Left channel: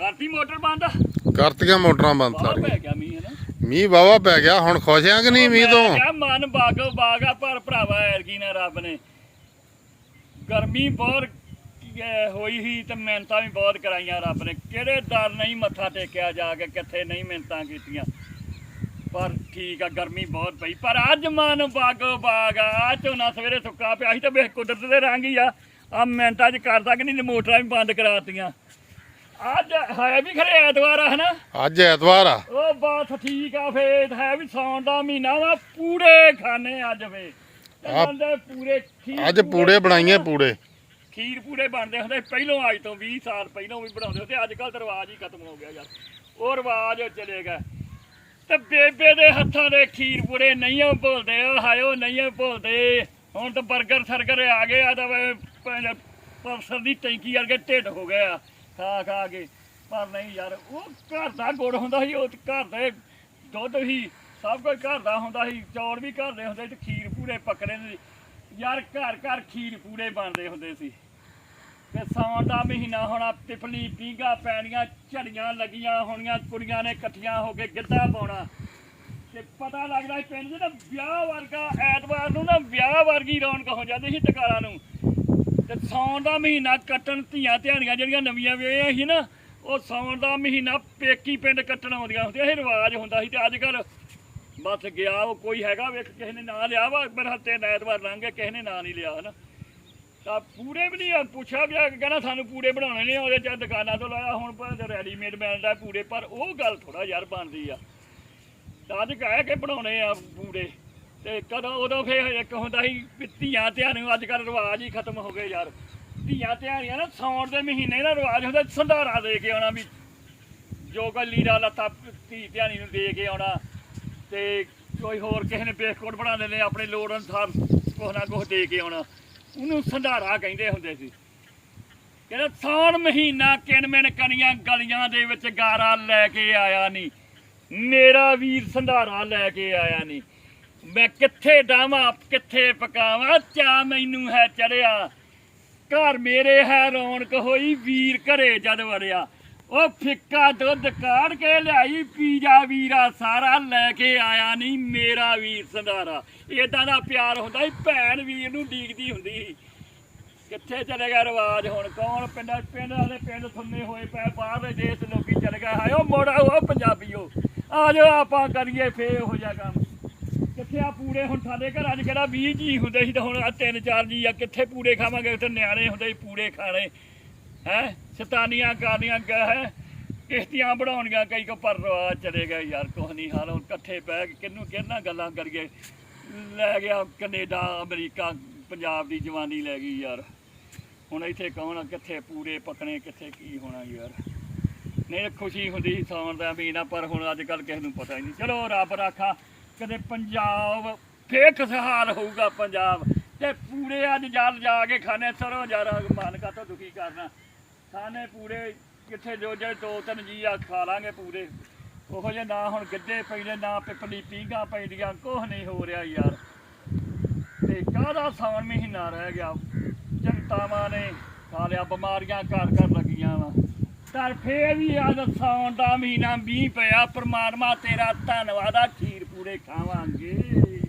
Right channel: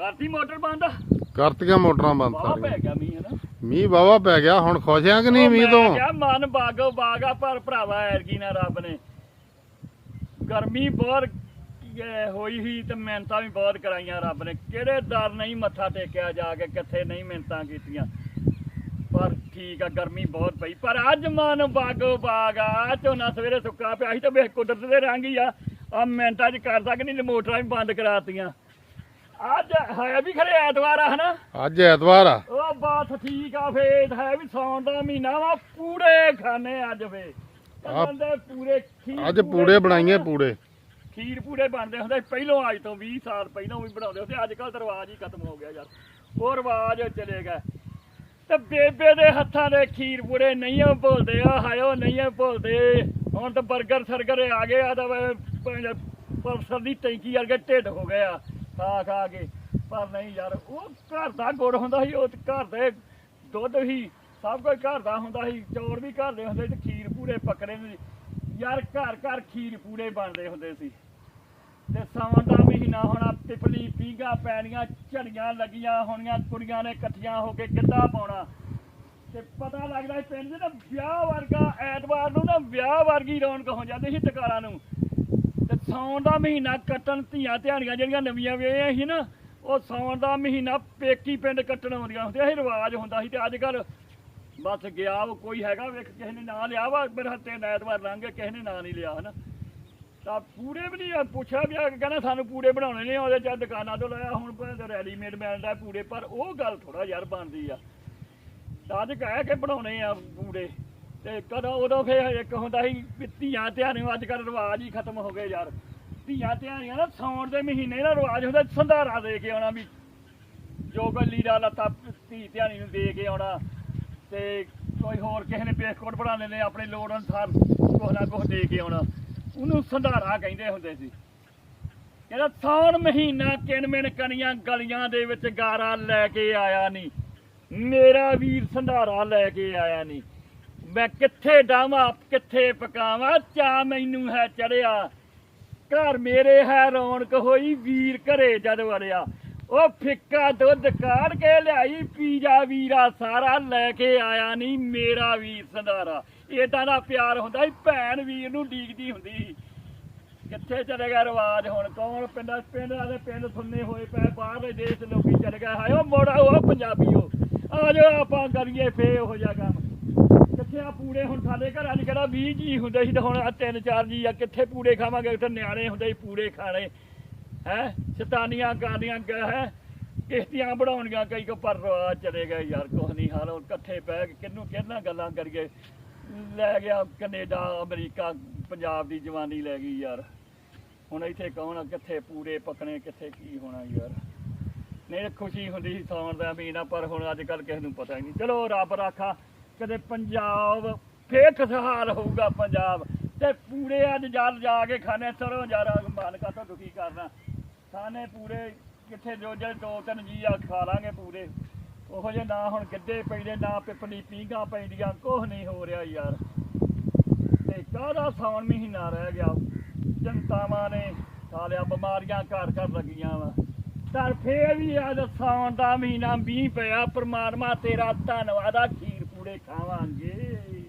ਕਰਤੀ ਮੋਟਰ ਬੰਦ? ਕਰਤੀਆਂ ਮੋਟਰਾਂ ਬੰਦ ਬਾਹਰ ਸਾਰੀਆਂ। ਪੈ ਗਿਆ ਮੀਂਹ ਹੈ ਨਾ? ਮੀਂਹ ਵਾਵਾ ਪੈ ਗਿਆ ਹੁਣ ਖੁਸ਼ ਆ ਕਿ ਨਹੀਂ ਮੀਂਹ ਤੋਂ? ਕਿਹਾ ਮਨ ਬਾਗੋ ਬਾਗਾ ਪਰ ਭਰਾਵਾ ਐਰਗੀ ਨਾ ਰੱਬ ਨੇ। ਗਰਮੀ ਬਹੁਤ ਅਹ, ਹੋਈ ਸੀ ਤੇ ਮਿਹਨਤਾਂ ਵੀ ਬਹੁਤ ਕਰਾਈਆਂ ਰੱਬ ਨੇ। ਕਿਹੜੇ ਦਰ ਨਹੀਂ ਮੱਥਾ ਟੇਕਿਆ ਜਾ ਕੇ ਕਿੱਥੇ ਨਹੀਂ ਮਿਹਨਤਾਂ ਕੀਤੀਆਂ। ਪਰ ਠੀਕ ਆ ਗਰਮੀ ਬਹੁਤ ਪਈ। ਪਰ ਅੱਜ ਮਨ ਬਾਗੋ ਬਾਗ ਆ ਝੋਨਾ ਸਵੇਰੇ ਸੁੱਕਾ ਪਿਆ ਸੀ ਤੇ ਵੇਖ ਕੁਦਰਤ ਦੇ ਰੰਗ ਹੀ ਆ। ਆ ਮਿਹਨਤਾਂ ਚ ਕਰਦਾ ਕਿ ਨਹੀਂ ਮੋਟਰਾਂ ਵੀ ਬੰਦ ਕਰਾਤੀਆਂ। ਅੱਜ ਹੈ ਵੀ ਖਰੇ ਐਤਵਾਰ ਆ ਹਨਾ? ਅੱਜ ਐਤਵਾਰ ਆ। ਉਹ ਬਾਤ ਠੀਕ ਆ ਫੇਰ ਹੈ ਵੀ ਸੌਣ ਦਾ ਮਹੀਨਾ ਵਾ ਪੂੜੇ ਖਾਣੇ ਅੱਜ ਵੇ। ਆ- ਕਹਿੰਦੇ ਪੂਰੇ ਖੀਰ ਅੱਜ ਪੂੜੇ ਬਣਾਈਏ ਪੂੜੇ। ਖੀਰ ਪੂੜੇ ਬਣਦੇ ਹੁੰਦੇ ਪਹਿਲੋਂ ਅੱਜ ਤੋਂ 20 ਸਾਲ ਪਹਿਲੋਂ ਵੀ ਬਣਾਉਂਦੇ ਹੁੰਦੇ ਅੱਜ ਕੱਲ ਰਿਵਾਜ ਹੀ ਖਤਮ ਹੋ ਗਿਆ ਯਾਰ। ਉਹ ਰਿਵਾਜ ਚਲੇ ਗਿਆ ਤੇ ਬੇਬੇ ਦੇ ਹੱਥਾਂ ਦੇ ਖੀਰ ਪੂੜੇ ਨਹੀਂ ਆ ਭੁੱਲਦੇ ਆ ਹਾਇਓ ਨਹੀਂ ਆ ਭੁੱਲਦੇ। ਹੁਣ ਤਾਂ 버ਗਰ ਸਰਗਰ ਆ ਗਏ ਆ ਤਾਂ ਵੇ ਭੈਣ ਪਰਸਰ ਦੀ ਟੈਂਕੀ ਵਰਗੇ ਢਿੱਡ ਹੋ ਗਏ ਆ। ਖਾ ਖਾ ਕੇ। ਪਰ ਨਹੀਂ ਯਾਰ, ਉਹ ਘਰ ਦਾ ਗੁੜ ਹੁੰਦਾ ਸੀ, ਉਹ ਘਰ ਦੇ ਦੁੱਧ ਹੀ ਸਭ ਕੁਝ ਘਰ ਦਾ ਹੁੰਦਾ ਸੀ, ਚੌਲ ਵੀ ਘਰ ਦੇ ਹੁੰਦੇ ਸੀ ਖੀਰ ਪੂਰੇ ਪਕੜੇ ਨੇ ਯਾਰ ਘਰ ਘਰ ਖੀਰ ਪੂਰੇ ਬਣਦੇ ਹੁੰਦੇ ਸੀ। ਤੇ ਸਾਉਣ ਦਾ ਮਹੀਨਾ ਹੋਣਾ, ਤਿਪਲੀ ਪੀਂਗਾ ਪੈਣੀਆਂ, ਝੜੀਆਂ ਲੱਗੀਆਂ ਹੋਣੀਆਂ, ਕੁੜੀਆਂ ਨੇ ਇਕੱਠੀਆਂ ਹੋ ਕੇ ਗਿੱਧਾ ਪਾਉਣਾ। ਤੇ ਪਤਾ ਲੱਗਦਾ ਸੀ ਪਿੰਡ 'ਚ ਨਾ ਵਿਆਹ ਵਰਗਾ ਐਤਵਾਰ ਨੂੰ ਨਾ ਵਿਆਹ ਵਰਗੀ ਰੌਣਕ ਹੋ ਜਾਂਦੀ ਸੀ ਟਕਾਰਾਂ ਨੂੰ। ਤੇ ਸਾਉਣ ਦਾ ਮਹੀਨਾ ਕੱਟਣ ਧੀਆਂ ਧਿਆਣੀਆਂ ਜਿਹੜੀਆਂ ਨਵੀਆਂ ਵਿਆਹੀਆਂ ਸੀ ਨਾ ਉਹ ਸਾਉਣ ਦਾ ਮਹੀਨਾ ਪੇਕੀ ਪਿੰਡ ਕੱਟਣ ਆਉਂਦੀਆਂ ਹੁੰਦੀਆਂ ਸੀ ਰਿਵਾਜ ਹੁੰਦਾ ਸੀ ਤੇ ਅੱਜ ਕੱਲ ਬਸ ਗਿਆ ਉਹ ਕੋਈ ਹੈਗਾ ਵੇਖ ਕਿਸੇ ਨੇ ਨਾਂ ਲਿਆ ਵਾ ਮੇਰੇ ਹੱਥੇ ਐਤਵਾਰ ਲੰਘ ਗਿਆ ਕਿਸੇ ਨੇ ਨਾਂ ਨਹੀਂ ਲਿਆ ਹਨਾ। ਤਾਂ ਪੂਰੇ ਵੀ ਨਹੀਂ ਆ, ਪੁੱਛਿਆ ਵੀ ਆ ਕਿ ਕਹਿੰਦਾ ਸਾਨੂੰ ਪੂਰੇ ਬਣਾਉਣੇ ਨਹੀਂ ਆਉਂਦੇ ਜਾਂ ਦੁਕਾਨਾਂ ਤੋਂ ਲਾਇਆ ਹੁਣ ਪਰ ਰੈਡੀਮੇਡ ਮਿਲਦਾ ਪੂਰੇ ਪਰ ਉਹ ਗੱਲ ਥੋੜਾ ਯਾਰ ਬਣਦੀ ਆ। ਤਾਂ ਅੱਜ ਕਹਿ ਕੇ ਬਣਾਉਣੇ ਆ ਪੂਰੇ। ਤੇ ਕਦੋਂ ਉਦੋਂ ਫੇਰ ਇੱਕ ਹੁੰਦਾ ਸੀ ਵੀ ਧੀਆਂ ਧਿਆਨ ਨੂੰ ਅੱਜ ਕੱਲ ਰਿਵਾਜ ਹੀ ਖਤਮ ਹੋ ਗਏ ਯਾਰ। ਧੀਆਂ ਧਿਆਨੀਆਂ ਨਾ ਸੌਣ ਦੇ ਮਹੀਨੇ ਦਾ ਰਿਵਾਜ ਹੁੰਦਾ, ਸੰਧਾਰਾ ਦੇ ਕੇ ਆਉਣਾ ਵੀ। ਜੋ ਕੋਈ ਲੀੜਾ ਲੱਤਾ ਧੀ ਧਿਆਨੀ ਨੂੰ ਦੇ ਕੇ ਆਉਣਾ ਤੇ ਕੋਈ ਹੋਰ ਕਿਸੇ ਨੇ ਪੇਸਕੋਟ ਬਣਾਉਂਦੇ ਨੇ ਆਪਣੇ ਲੋੜ ਅਨੁਸਾਰ ਕੁਛ ਨਾ ਕੁਛ ਦੇ ਕੇ ਆਉਣਾ। ਉਹਨੂੰ ਸੰਧਾਰਾ ਕਹਿੰਦੇ ਹੁੰਦੇ ਸੀ। ਕਹਿੰਦਾ, ਸੌਣ ਮਹੀਨਾ ਕਿਣਮਿਣ ਕਣੀਆਂ ਗਲੀਆਂ ਦੇ ਵਿੱਚ ਗਾਰਾ ਲੈ ਕੇ ਆਇਆ ਨਹੀਂ ਮੇਰਾ ਵੀਰ ਸੰਧਾਰਾ ਲੈ ਕੇ ਆਇਆ ਨਹੀਂ ਮੈਂ ਕਿੱਥੇ ਡਾਵਾਂ, ਕਿੱਥੇ ਪਕਾਵਾਂ? ਚਾ ਮੈਨੂੰ ਹੈ ਚੜਿਆ। ਘਰ ਮੇਰੇ ਹੈ ਰੌਣਕ ਹੋਈ, ਵੀਰ ਘਰੇ ਜਦ ਵੜਿਆ। ਉਹ ਫਿੱਕਾ ਦੁੱਧ ਕਾੜ ਕੇ ਲਿਆਈ, ਪੀਜਾ ਵੀਰਾ ਸਾਰਾ ਲੈ ਕੇ ਆਇਆ ਨਹੀਂ, ਮੇਰਾ ਵੀਰ ਸੰਧਾਰਾ। ਇਦਾਂ ਦਾ ਪਿਆਰ ਹੁੰਦਾ ਸੀ, ਭੈਣ ਵੀਰ ਨੂੰ ਡੀਕਦੀ ਹੁੰਦੀ ਸੀ। ਕਿੱਥੇ ਚਲੇ ਗਿਆ ਰਿਵਾਜ ਹੁਣ? ਕੌਣ ਪਿੰਡਾਂ, ਪਿੰਡ ਵਾਲੇ ਪਿੰਡ ਸੁੰਨੇ ਹੋਏ ਪਏ ਬਾਹਰਲੇ ਦੇਸ਼ ਲੋਕੀ ਚਲੇ ਗਏ। ਹਾਇਓ ਮੋੜਾ ਉਹ ਪੰਜਾਬੀਓ। ਆ ਜਾਓ, ਆਪਾਂ ਕਰੀਏ ਫੇ ਹੋ ਜਾ ਕੰਮ। ਕਿੱਥੇ ਆ ਪੂੜੇ ਹੁਣ ਸਾਡੇ ਘਰਾਂ 'ਚ ਕਿਹੜਾ 20 ਜੀ ਹੁੰਦੇ ਸੀ ਤੇ ਹੁਣ ਆ ਤਿੰਨ ਚਾਰ ਜੀ ਆ, ਕਿੱਥੇ ਪੂਰੇ ਖਾਵਾਂਗੇ? ਉੱਥੇ ਨਿਆਣੇ ਹੁੰਦੇ ਸੀ ਪੂੜੇ ਖਾਣੇ। ਹੈ? ਸ਼ਤਾਨੀਆਂ ਕਰਨੀਆਂ ਹੈ? ਕਿਸ਼ਤੀਆਂ ਬਣਾਉਣੀਆਂ ਕਈ ਕੋ, ਪਰ ਚਲੇ ਗਏ ਯਾਰ, ਕੁਛ ਨਹੀਂ ਹਾਲ, ਹੁਣ ਇਕੱਠੇ ਬਹਿ ਕੇ ਕਿੰਨੂੰ ਕਿਹਨਾਂ ਗੱਲਾਂ ਕਰੀਏ? ਲੈ ਗਿਆ ਕੈਨੇਡਾ, ਅਮਰੀਕਾ, ਪੰਜਾਬ ਦੀ ਜਵਾਨੀ ਲੈ ਗਈ ਯਾਰ। ਹੁਣ ਇੱਥੇ ਕੌਣ ਕਿੱਥੇ ਪੂਰੇ ਪਕਣੇ? ਕਿੱਥੇ ਕੀ ਹੋਣਾ ਯਾਰ? ਨਹੀਂ, ਖੁਸ਼ੀ ਹੁੰਦੀ ਸੀ ਸੌਣ ਦਾ ਮਹੀਨਾ, ਪਰ ਹੁਣ ਅੱਜ ਕੱਲ ਕਿਸੇ ਨੂੰ ਪਤਾ ਹੀ ਨਹੀਂ। ਚਲੋ, ਰੱਬ ਰਾਖਾ। ਕਦੇ ਪੰਜਾਬ, ਫੇਰ ਖੁਸ਼ਹਾਲ ਹੋਊਗਾ ਪੰਜਾਬ ਤੇ ਪੂਰੇ ਅੱਜ ਜਲ ਜਾ ਕੇ ਖਾਣੇ, ਸਰੋਂ ਯਾਰ ਮਾਲਕਾ, ਤੋਂ ਦੁਖੀ ਕਰਨਾ? ਖਾਣੇ ਪੂਰੇ ਕਿੱਥੇ ਜੋ ਜੇ ਦੋ ਤਿੰਨ ਜੀ ਆ, ਖਾ ਲਾਂਗੇ ਪੂਰੇ। ਉਹੋ ਜੇ ਨਾ ਹੁਣ ਗਿੱਧੇ ਪੈਂਦੇ, ਨਾ ਪਿਪਲੀ ਪੀਂਗਾ ਪੈਂਦੀਆਂ, ਕੁਛ ਨਹੀਂ ਹੋ ਰਿਹਾ ਯਾਰ। ਤੇ ਕਾਹਦਾ ਸਾਉਣ ਮਹੀਨਾ ਰਹਿ ਗਿਆ? ਜਨਤਾਵਾਂ ਨੇ ਸਾਲਿਆ ਬਿਮਾਰੀਆਂ ਘਰ ਘਰ ਲੱਗੀਆਂ ਵਾ। ਤਾਂ ਫੇਰ ਵੀ ਅੱਜ ਸਾਉਣ ਦਾ ਮਹੀਨਾ ਮੀਂਹ ਪਿਆ, ਪਰਮਾਤਮਾ ਤੇਰਾ ਧੰਨਵਾਦ ਆ ਖੀਰ ਪੂੜੇ ਖਾਵਾਂਗੇ।